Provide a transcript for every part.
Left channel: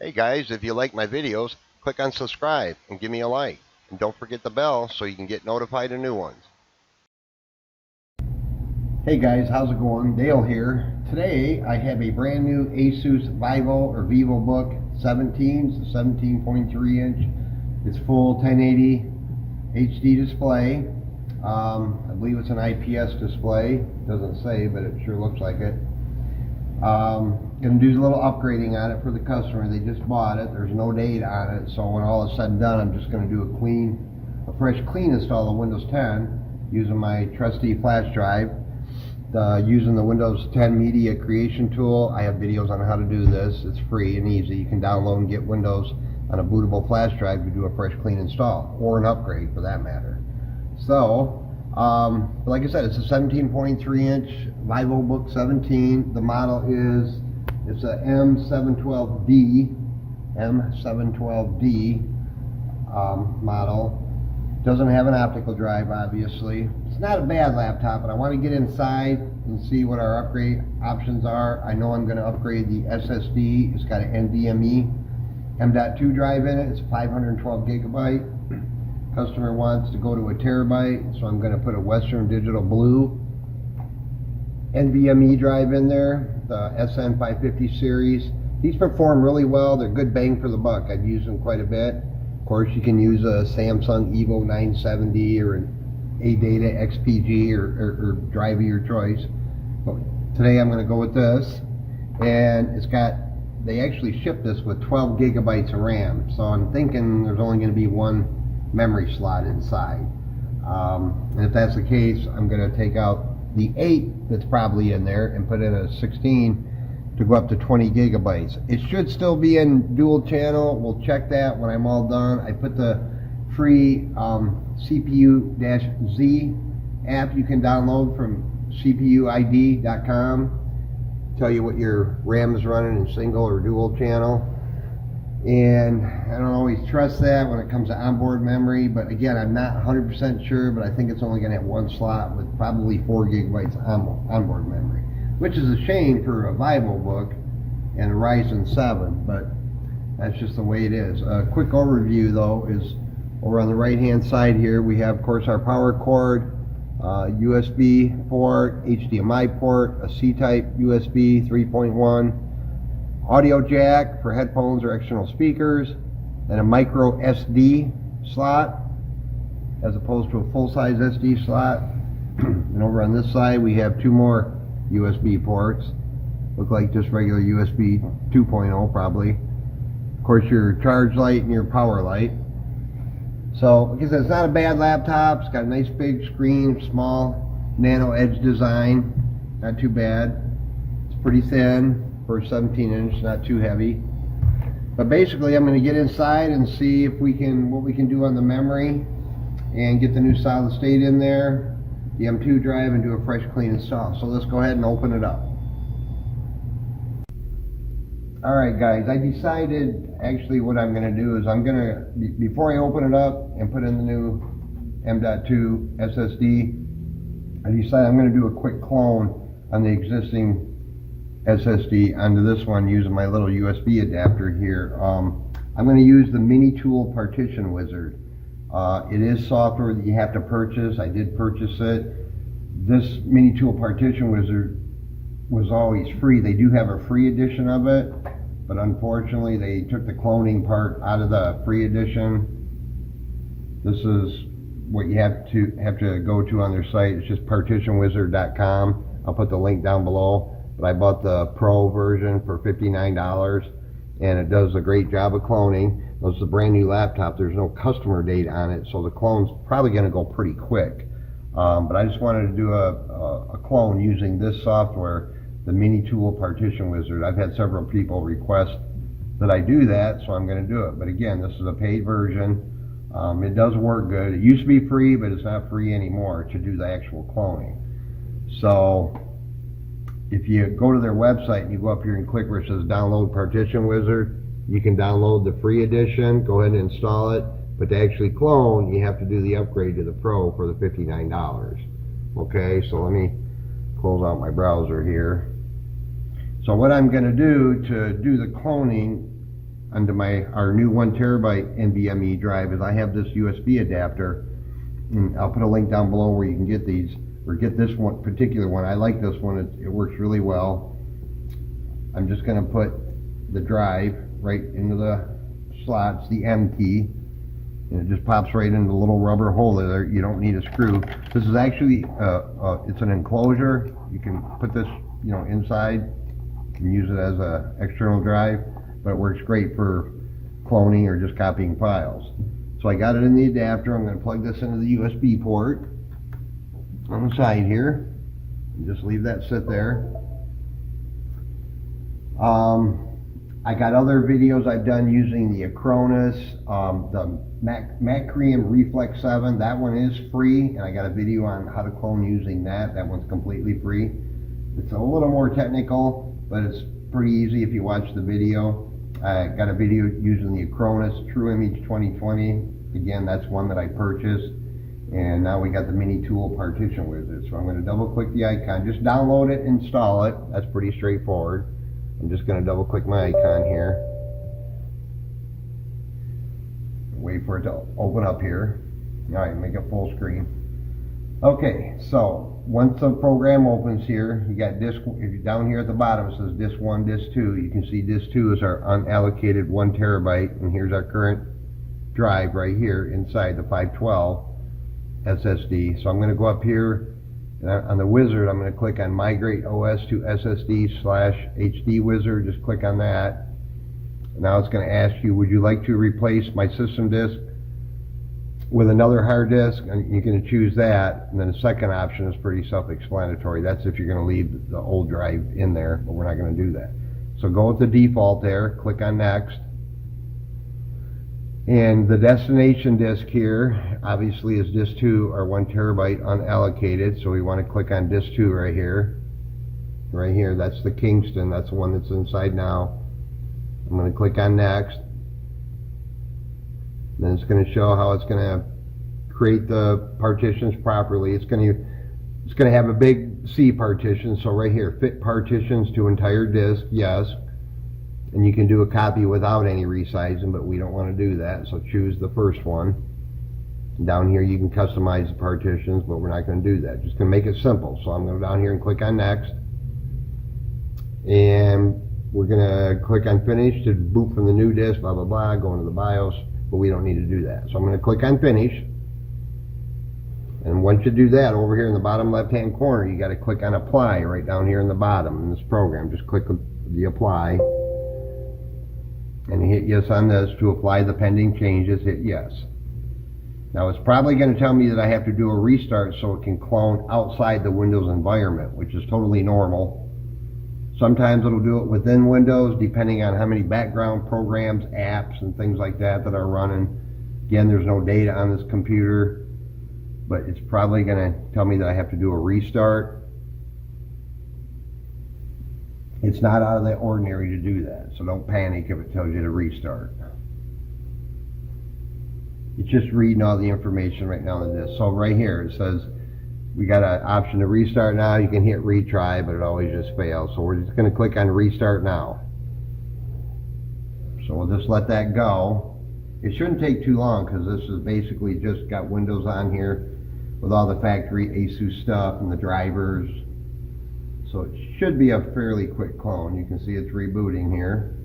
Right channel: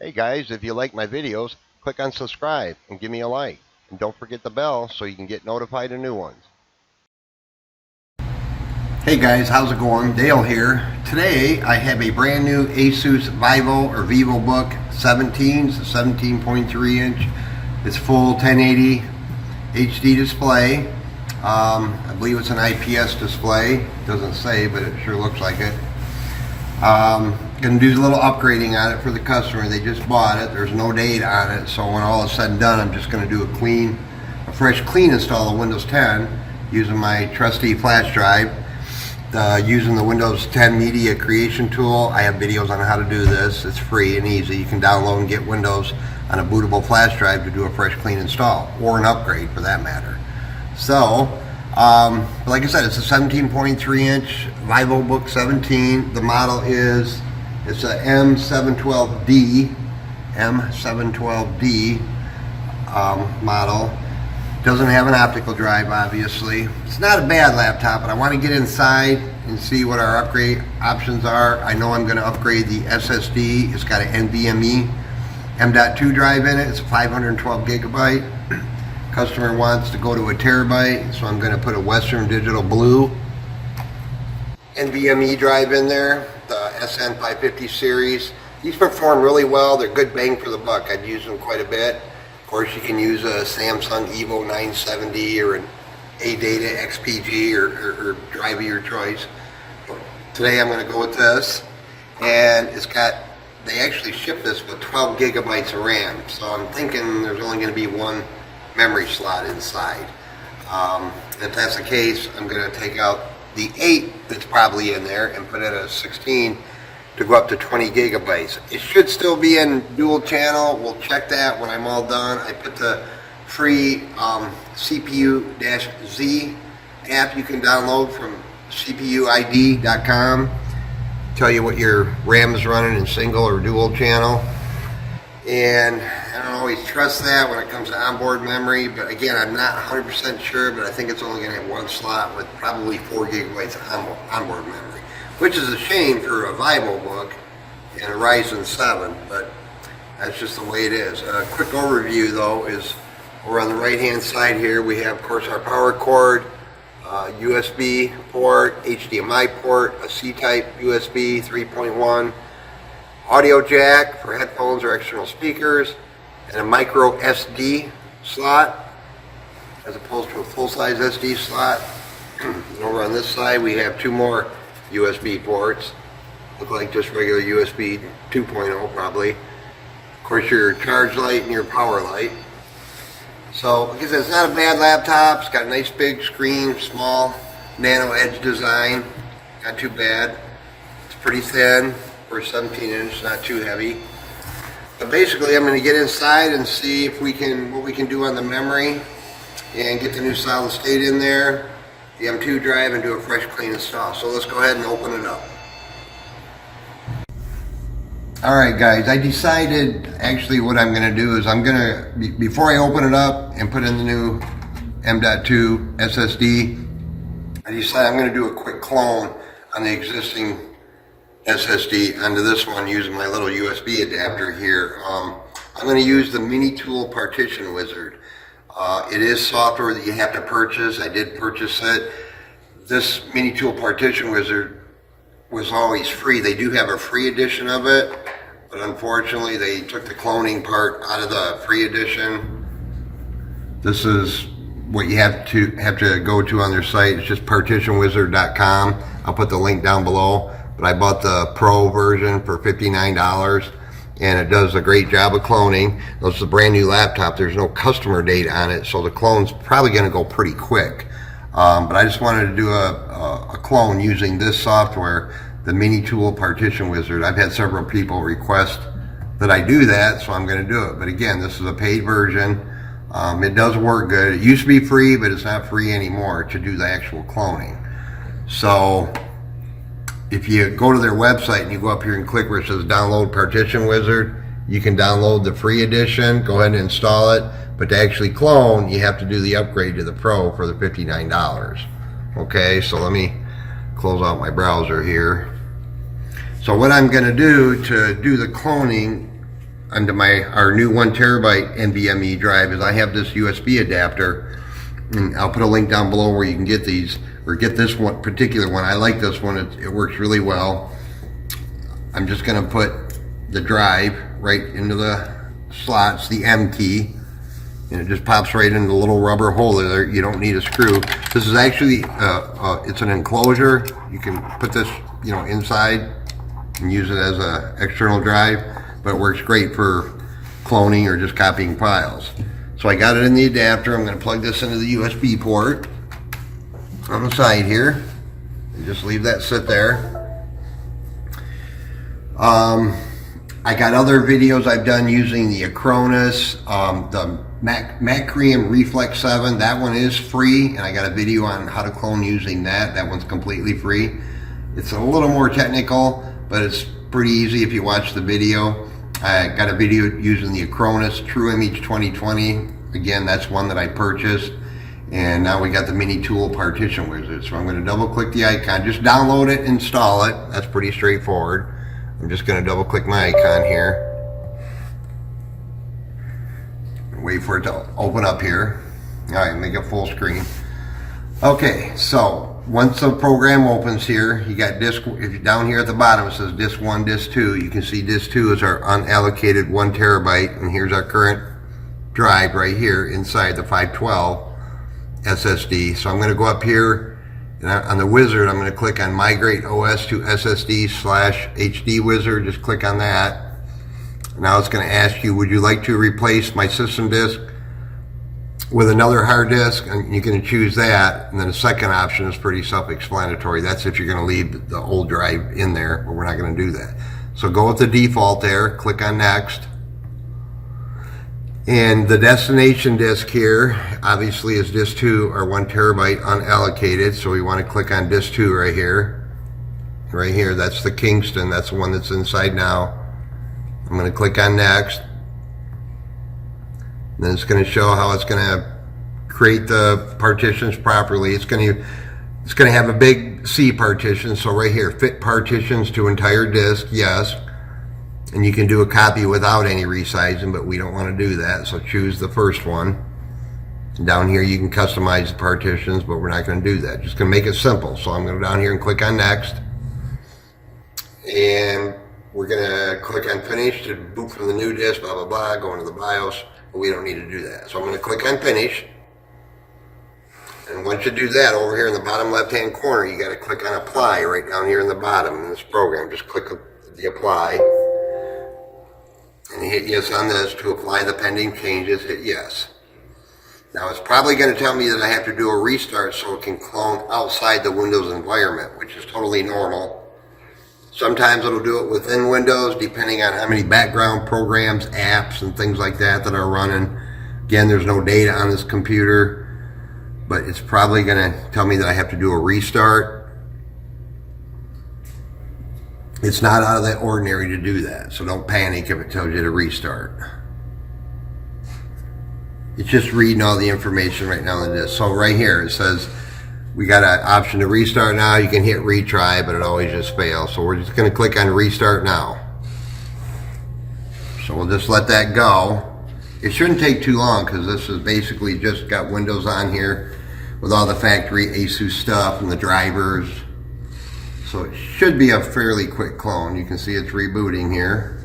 Hey guys, if you like my videos, click on subscribe and give me a like. And don't forget the bell so you can get notified of new ones. Hey guys, how's it going? Dale here. Today I have a brand new Asus VivoBook 17. It's a 17.3 inch. It's full 1080 HD display. I believe it's an IPS display. It doesn't say, but it sure looks like it. Gonna do a little upgrading on it for the customer. They just bought it. There's no date on it, so when all is said and done, I'm just gonna do a fresh clean install of Windows 10 using my trusty flash drive. Using the Windows 10 Media Creation Tool. I have videos on how to do this. It's free and easy. You can download and get Windows on a bootable flash drive to do a fresh clean install, or an upgrade for that matter. So, like I said, it's a 17.3 inch VivoBook 17. The model is, it's a M712D, model. Doesn't have an optical drive, obviously. It's not a bad laptop, but I want to get inside and see what our upgrade options are. I know I'm going to upgrade the SSD. It's got an NVMe M.2 drive in it. It's 512 gigabyte. Customer wants to go to a terabyte, so I'm going to put a Western Digital Blue NVMe drive in there, the SN550 series. These perform really well. They're good bang for the buck. I've used them quite a bit. Of course, you can use a Samsung Evo 970 or an ADATA XPG or drive of your choice. But today I'm going to go with this, and they actually ship this with 12 gigabytes of RAM, so I'm thinking there's only going to be one memory slot inside. And if that's the case, I'm going to take out the 8 that's probably in there and put in a 16 to go up to 20 gigabytes. It should still be in dual channel. We'll check that when I'm all done. I put the free CPU-Z app you can download from CPUID.com. Tell you what your RAM is running in single or dual channel. And I don't always trust that when it comes to onboard memory, but again, I'm not 100% sure, but I think it's only going to have one slot with probably 4 gigabytes onboard memory, which is a shame for a VivoBook and a Ryzen 7, but that's just the way it is. A quick overview though is over on the right hand side here we have Corsair power cord, USB port, HDMI port, a C-type USB 3.1, audio jack for headphones or external speakers, and a micro SD slot as opposed to a full-size SD slot. And over on this side we have 2 more USB ports. Look like just regular USB 2.0 probably. Of course, your charge light and your power light. So like I said, it's not a bad laptop. It's got a nice big screen, small nano edge design. Not too bad. It's pretty thin for a 17 inch, not too heavy. But basically I'm going to get inside and see if what we can do on the memory and get the new solid state in there, the M.2 drive, and do a fresh clean install. So let's go ahead and open it up. Alright guys, I decided actually what I'm going to do is before I open it up and put in the new M.2 SSD, I decided I'm going to do a quick clone on the existing SSD onto this one using my little USB adapter here. I'm going to use the MiniTool Partition Wizard. It is software that you have to purchase. I did purchase it. This MiniTool Partition Wizard was always free. They do have a free edition of it, but unfortunately they took the cloning part out of the free edition. This is what you have to go to on their site. It's just partitionwizard.com. I'll put the link down below. But I bought the Pro version for $59, and it does a great job of cloning. This is a brand new laptop. There's no customer date on it, so the clone's probably going to go pretty quick. But I just wanted to do a clone using this software, the MiniTool Partition Wizard. I've had several people request that I do that, so I'm going to do it. But again, this is a paid version. It does work good. It used to be free, but it's not free anymore to do the actual cloning. So if you go to their website and you go up here and click where it says download Partition Wizard, you can download the free edition, go ahead and install it, but to actually clone, you have to do the upgrade to the Pro for the $59. Okay, so let me close out my browser here. So what I'm going to do the cloning onto our new 1TB NVMe drive is I have this USB adapter, and I'll put a link down below where you can get these, or get this one particular one. I like this one. It works really well. I'm just going to put the drive right into the slots, the M-Key, and it just pops right into the little rubber holder there. You don't need a screw. This is actually it's an enclosure. You can put this, you know, inside and use it as a external drive, but it works great for cloning or just copying files. So I got it in the adapter. I'm going to plug this into the USB port on the side here and just leave that sit there. I got other videos I've done using the Acronis, the Macrium Reflex 7. That one is free, and I got a video on how to clone using that. That one's completely free. It's a little more technical, but it's pretty easy if you watch the video. I got a video using the Acronis True Image 2020. Again, that's one that I purchased. And now we got the MiniTool Partition Wizard. So I'm going to double click the icon. Just download it, install it. That's pretty straightforward. I'm just going to double click my icon here. Wait for it to open up here. All right, make it full screen. Okay, so once the program opens here, you got disk, if you're down here at the bottom, it says disk 1, disk 2. You can see disk 2 is our unallocated 1TB, and here's our current drive right here inside the 512 SSD. So I'm going to go up here, and on the wizard, I'm going to click on Migrate OS to SSD/HD Wizard. Just click on that. Now it's going to ask you, would you like to replace my system disk with another hard disk? And you're going to choose that. And then the second option is pretty self-explanatory. That's if you're going to leave the old drive in there, but we're not going to do that. So go with the default there, click on Next. And the destination disk here, obviously, is disk 2, or 1TB unallocated. So we want to click on disk 2 right here. Right here, that's the Kingston. That's the one that's inside now. I'm going to click on Next. Then it's going to show how it's going to create the partitions properly. It's going to have a big C partition. So right here, fit partitions to entire disk, yes. And you can do a copy without any resizing, but we don't want to do that. So choose the first one. And down here you can customize the partitions, but we're not going to do that. Just going to make it simple. So I'm going to go down here and click on Next. And we're going to click on Finish to boot from the new disk, blah, blah, blah, go into the BIOS, but we don't need to do that. So I'm going to click on Finish. And once you do that, over here in the bottom left-hand corner, you got to click on Apply right down here in the bottom in this program. Just click the Apply. And hit yes on this. To apply the pending changes, hit yes. Now it's probably going to tell me that I have to do a restart so it can clone outside the Windows environment, which is totally normal. Sometimes it'll do it within Windows, depending on how many background programs, apps, and things like that are running. Again, there's no data on this computer, but it's probably going to tell me that I have to do a restart. It's not out of the ordinary to do that, so don't panic if it tells you to restart. It's just reading all the information right now on the disk. So right here it says we got an option to restart now. You can hit retry, but it always just fails. So we're just going to click on restart now. So we'll just let that go. It shouldn't take too long because this is basically just got Windows on here with all the factory Asus stuff and the drivers. So it should be a fairly quick clone. You can see it's rebooting here.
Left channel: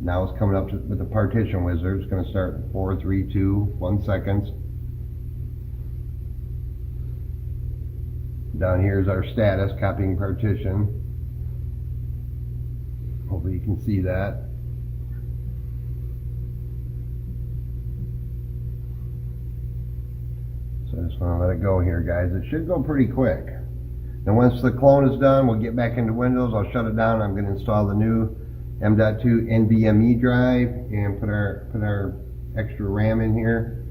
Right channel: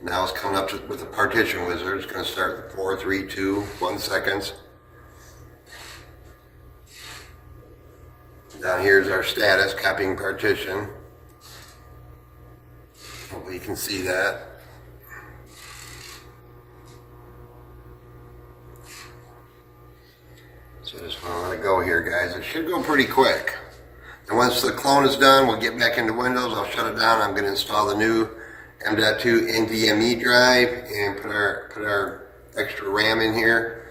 Now it's coming up with the partition wizard. It's going to start in 4, 3, 2, 1 seconds. Down here is our status, copying partition. Hopefully you can see that. So I just want to let it go here, guys. It should go pretty quick. Then once the clone is done, we'll get back into Windows. I'll shut it down. I'm going to install the new M.2 NVMe drive and put our extra RAM in here.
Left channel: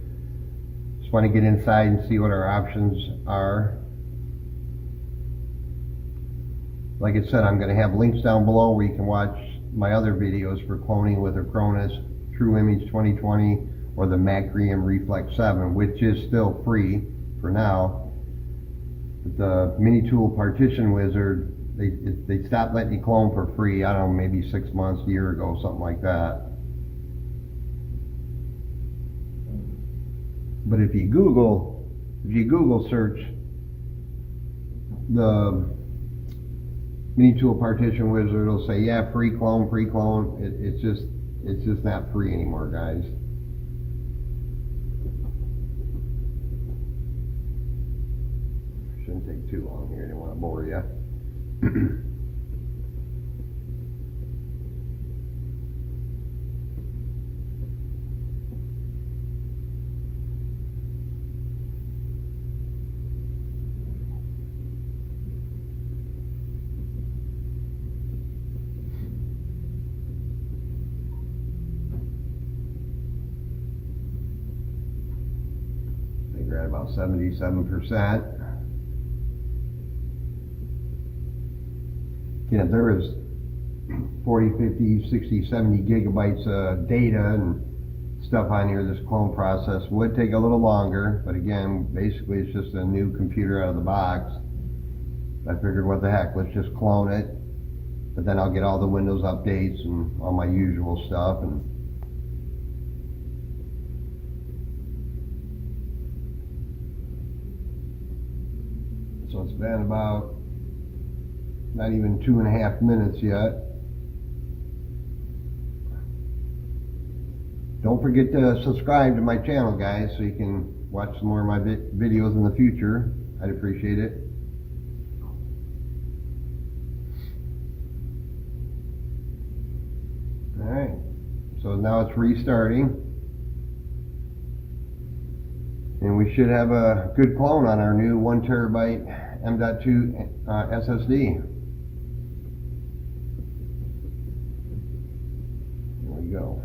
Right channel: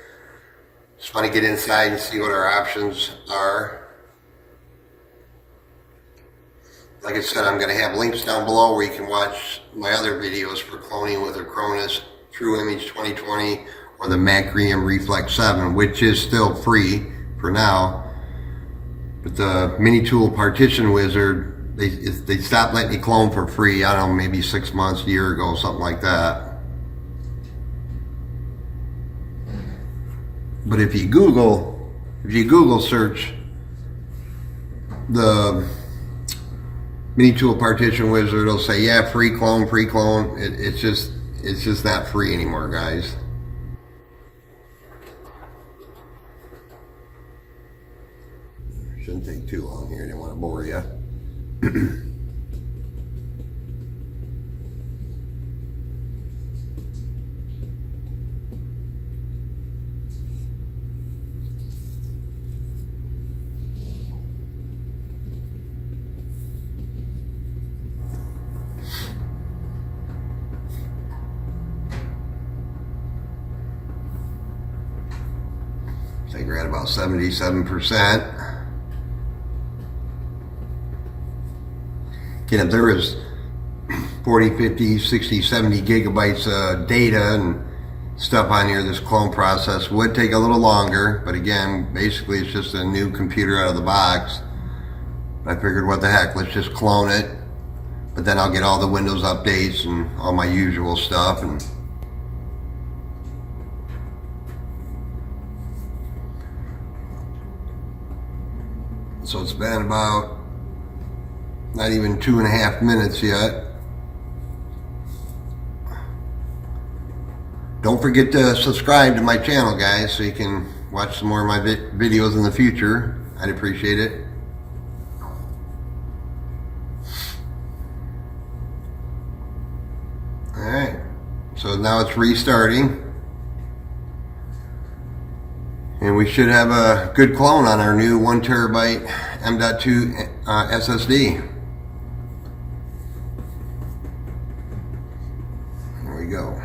Just want to get inside and see what our options are. Like I said, I'm going to have links down below where you can watch my other videos for cloning with Acronis True Image 2020 or the Macrium Reflex 7, which is still free for now. But the MiniTool Partition Wizard they stopped letting you clone for free. I don't know, maybe 6 months, a year ago, something like that. But if you Google search the MiniTool Partition Wizard, it'll say, yeah, free clone. It's just not free anymore, guys. Shouldn't take too long here. I didn't want to bore you. I think we're at about 77%. Again, if there was 40, 50, 60, 70 gigabytes of data and stuff on here, this clone process would take a little longer. But again, basically it's just a new computer out of the box. I figured, what the heck, let's just clone it. But then I'll get all the Windows updates and all my usual stuff. And so it's been about not even 2.5 minutes yet. Don't forget to subscribe to my channel, guys, so you can watch some more of my videos in the future. I'd appreciate it. Alright, so now it's restarting. And we should have a good clone on our new 1 terabyte M.2 SSD. There we go.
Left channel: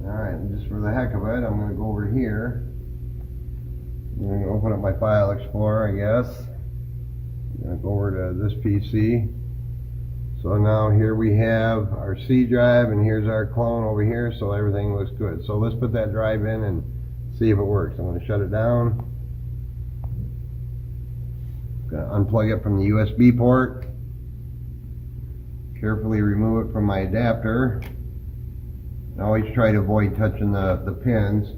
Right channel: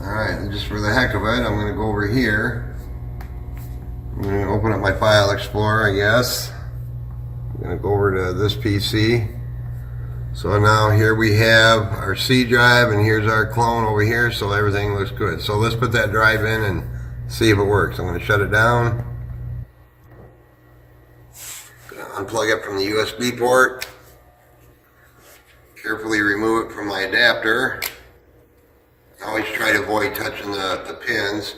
Alright, just for the heck of it, I'm going to go over here. I'm going to open up my File Explorer, I guess. I'm going to go over to this PC. So now here we have our C drive, and here's our clone over here, so everything looks good. So let's put that drive in and see if it works. I'm going to shut it down. Going to unplug it from the USB port. Carefully remove it from my adapter. I always try to avoid touching the pins.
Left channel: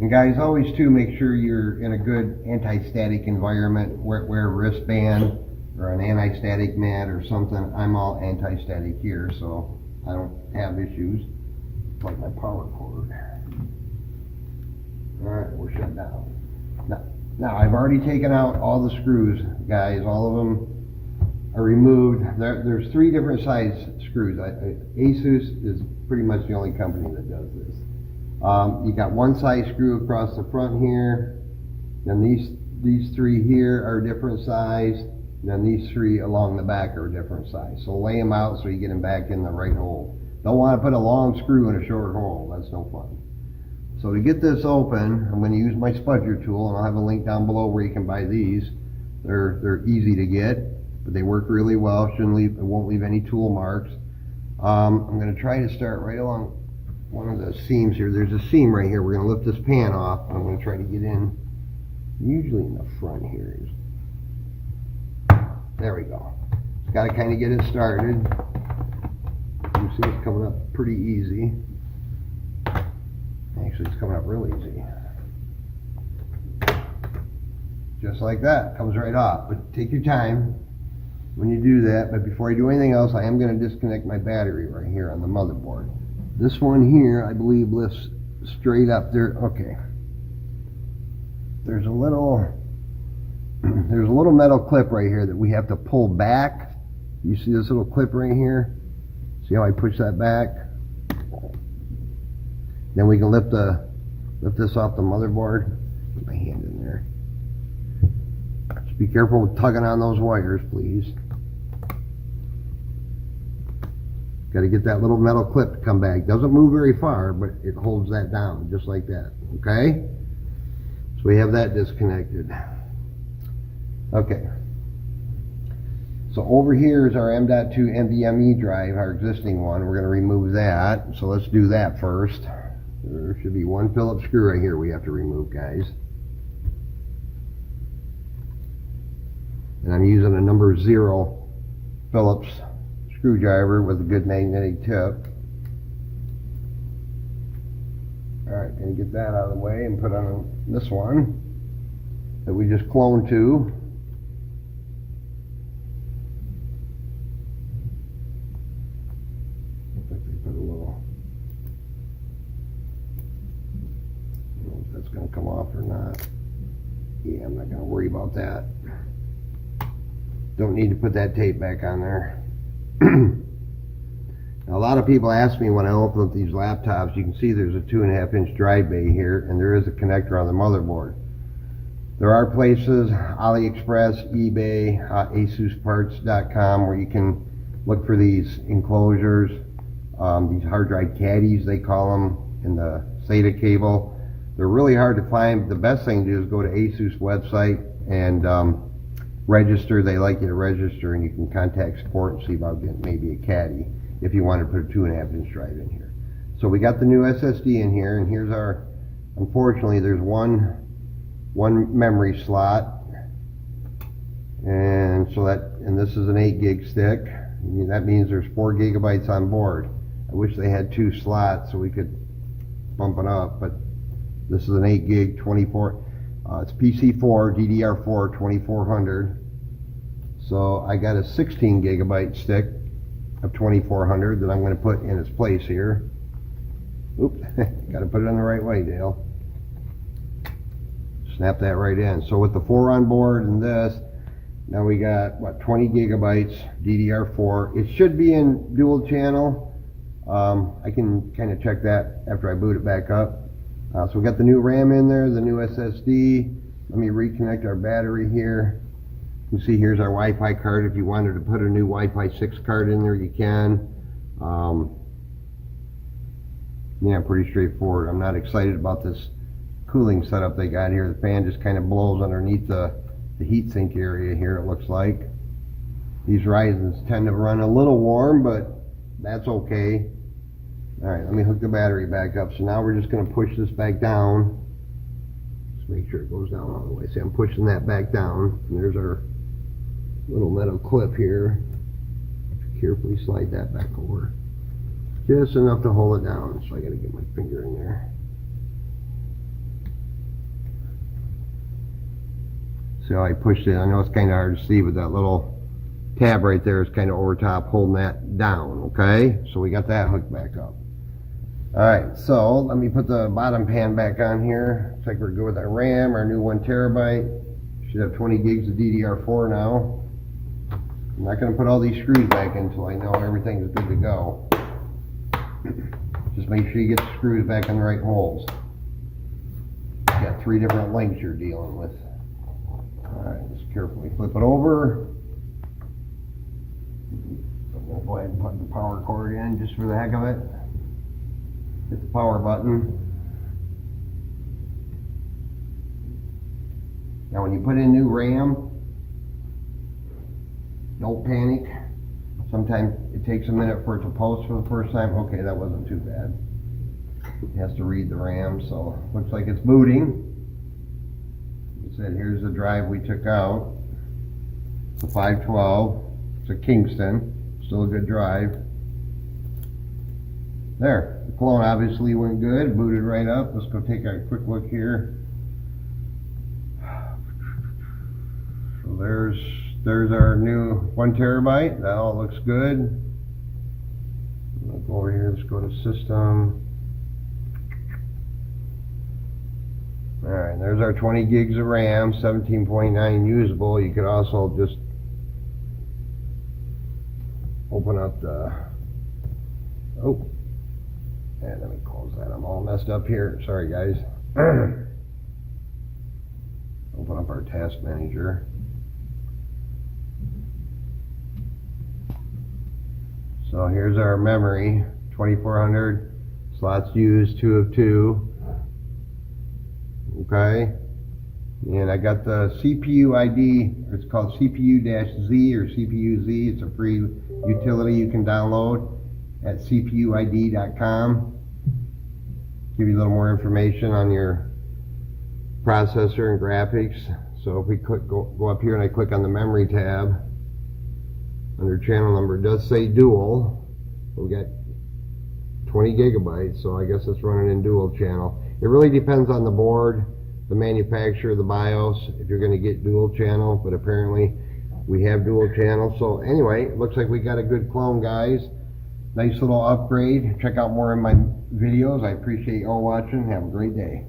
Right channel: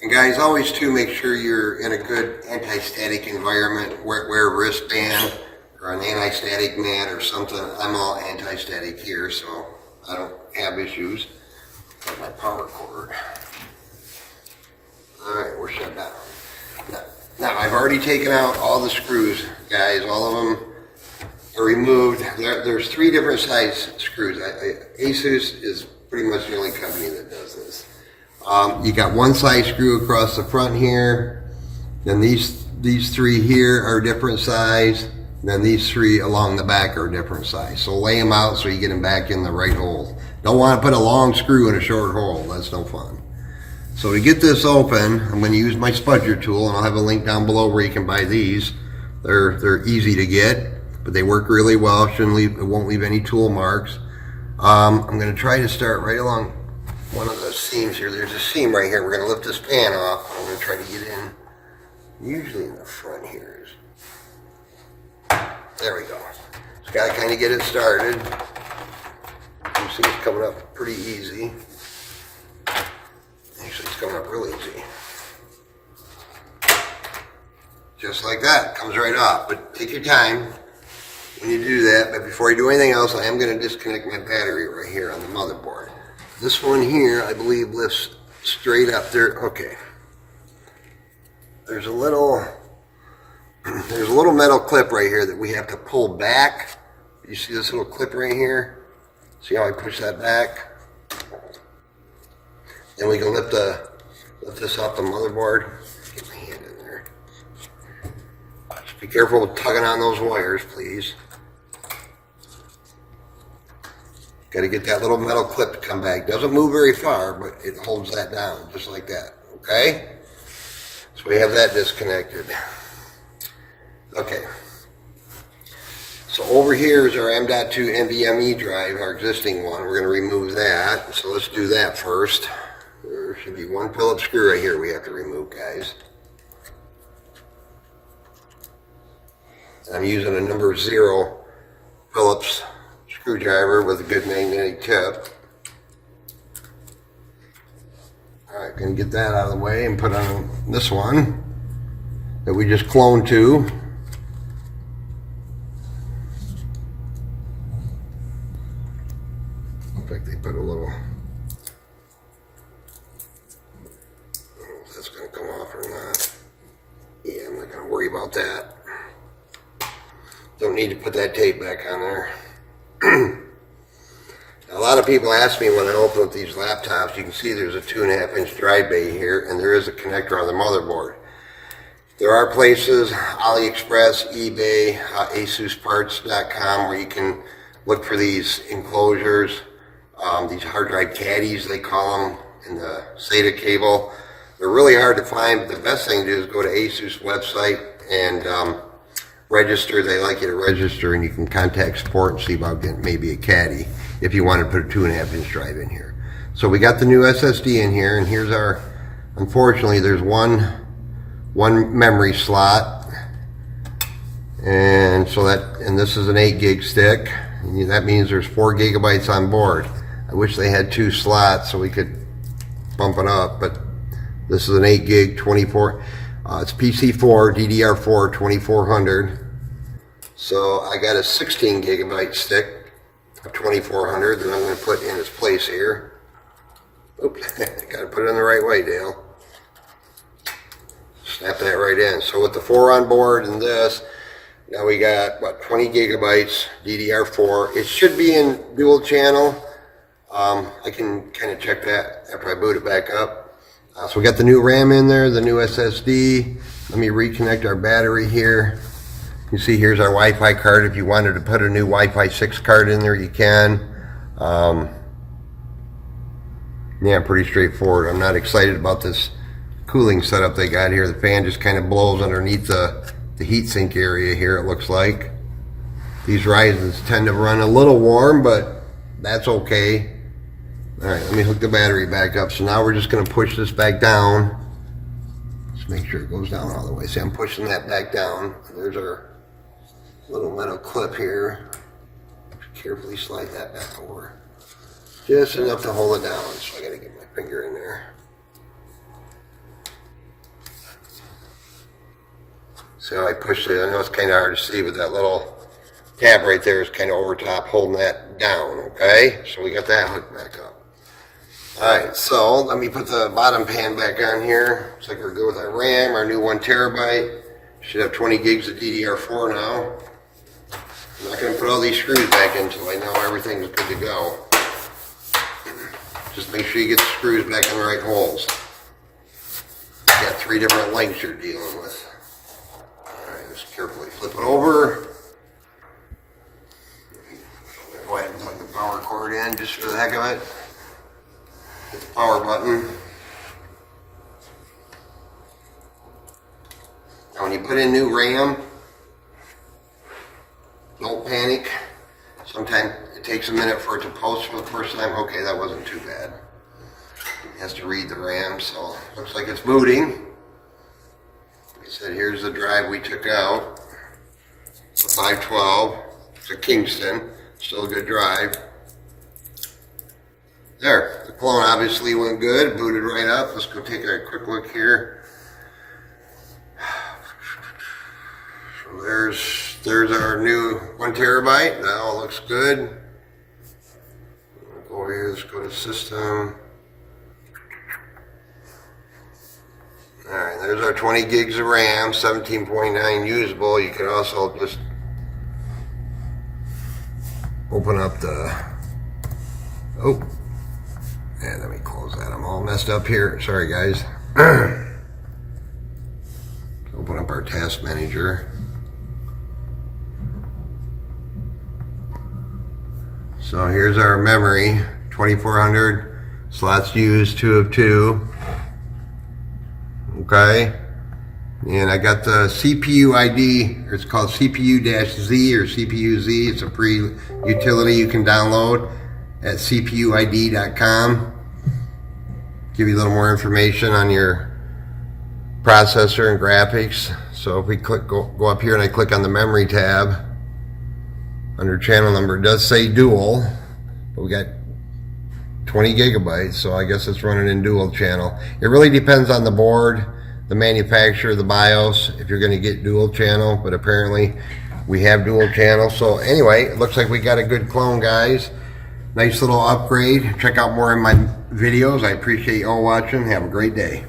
And guys, always too, make sure you're in a good anti-static environment. Wear a wristband or an anti-static mat or something. I'm all anti-static here, so I don't have issues. Like my power cord. Alright, we're shut down. Now, I've already taken out all the screws, guys. All of them are removed. There's 3 different size screws. Asus is pretty much the only company that does this. You got 1 size screw across the front here. Then these 3 here are different size. Then these 3 along the back are different size. So lay them out so you get them back in the right hole. Don't want to put a long screw in a short hole. That's no fun. So to get this open, I'm going to use my Spudger tool, and I'll have a link down below where you can buy these. They're easy to get, but they work really well. It won't leave any tool marks. I'm going to try to start right along one of the seams here. There's a seam right here. We're going to lift this pan off. I'm going to try to get in, usually in the front here. There we go. Just got to kind of get it started. You see it's coming up pretty easy. Actually, it's coming up real easy. Just like that. Comes right off. But take your time when you do that. But before you do anything else, I am going to disconnect my battery right here on the motherboard. This one here, I believe, lifts straight up there. Okay. There's a little metal clip right here that we have to pull back. You see this little clip right here? See how I push that back? Then we can lift this off the motherboard. Get my hand in there. Just be careful with tugging on those wires, please. Got to get that little metal clip to come back. Doesn't move very far, but it holds that down just like that. Okay? So we have that disconnected. Okay. So over here is our M.2 NVMe drive, our existing one. We're going to remove that. So let's do that first. There should be 1 Phillips screw right here we have to remove, guys. And I'm using a number 0 Phillips screwdriver with a good magnetic tip. Alright, gonna get that out of the way and put on this one that we just cloned to. Looks like they put a little, I don't know if that's gonna come off or not. Yeah, I'm not gonna worry about that. Don't need to put that tape back on there. Now, a lot of people ask me when I open up these laptops, you can see there's a 2.5-inch drive bay here, and there is a connector on the motherboard. There are places, AliExpress, eBay, AsusParts.com, where you can look for these enclosures, these hard drive caddies they call them, in the SATA cable. They're really hard to find, but the best thing to do is go to Asus website and register. They like you to register, and you can contact support and see about getting maybe a caddy if you want to put a 2.5-inch drive in here. So we got the new SSD in here, and here's our, unfortunately there's one memory slot, and so that, and this is an 8 gig stick, and that means there's 4 gigabytes on board. I wish they had 2 slots so we could bump it up, but this is an 8 gig 24, it's PC4 DDR4 2400. So I got a 16 gigabyte stick of 2400 that I'm going to put in its place here. Oops, got to put it in the right way, Dale. Snap that right in. So with the 4 on board and this, now we got, what, 20 gigabytes DDR4. It should be in dual channel. I can kind of check that after I boot it back up. So we got the new RAM in there, the new SSD. Let me reconnect our battery here. You see here's our Wi-Fi card. If you wanted to put a new Wi-Fi 6 card in there, you can. Yeah, pretty straightforward. I'm not excited about this cooling setup they got here. The fan just kind of blows underneath the heatsink area here, it looks like. These Ryzens tend to run a little warm, but that's okay. Alright, let me hook the battery back up. So now we're just going to push this back down. Just make sure it goes down all the way. See, I'm pushing that back down. And there's our little metal clip here. Carefully slide that back over. Just enough to hold it down. So I got to get my finger in there. See how I pushed it? I know it's kind of hard to see, but that little tab right there is kind of over top holding that down, okay? So we got that hooked back up. Alright, so let me put the bottom pan back on here. Looks like we're good with our RAM, our new 1 terabyte. Should have 20 gigs of DDR4 now. I'm not going to put all these screws back in until I know everything's good to go. Just make sure you get the screws back in the right holes. Got 3 different lengths you're dealing with. Alright, just carefully flip it over. I'm going to go ahead and plug the power cord in just for the heck of it. Hit the power button. Now when you put in new RAM, don't panic. Sometimes it takes a minute for it to post for the first time. Okay, that wasn't too bad. It has to read the RAM, so looks like it's booting. Like I said, here's the drive we took out. It's a 512. It's a Kingston. Still a good drive. There, the clone obviously went good, booted right up. Let's go take a quick look here. So there's our new 1 terabyte. That all looks good. We'll go over here, let's go to system. Alright, there's our 20 gigs of RAM, 17.9 usable. You could also just open up the, oh, and let me close that. I'm all messed up here. Sorry, guys. Open up our task manager. So here's our memory, 2400 slots used, 2 of 2. Okay. And I got the CPU ID, or it's called CPU-Z or CPU-Z. It's a free utility you can download at cpuid.com. Give you a little more information on your processor and graphics. So if we go up here and I click on the memory tab, under channel number, it does say dual, but we got 20 gigabytes, so I guess it's running in dual channel. It really depends on the board, the manufacturer, the BIOS, if you're going to get dual channel, but apparently we have dual channel. So anyway, it looks like we got a good clone, guys. Nice little upgrade. Check out more in my videos. I appreciate you all watching. Have a great day.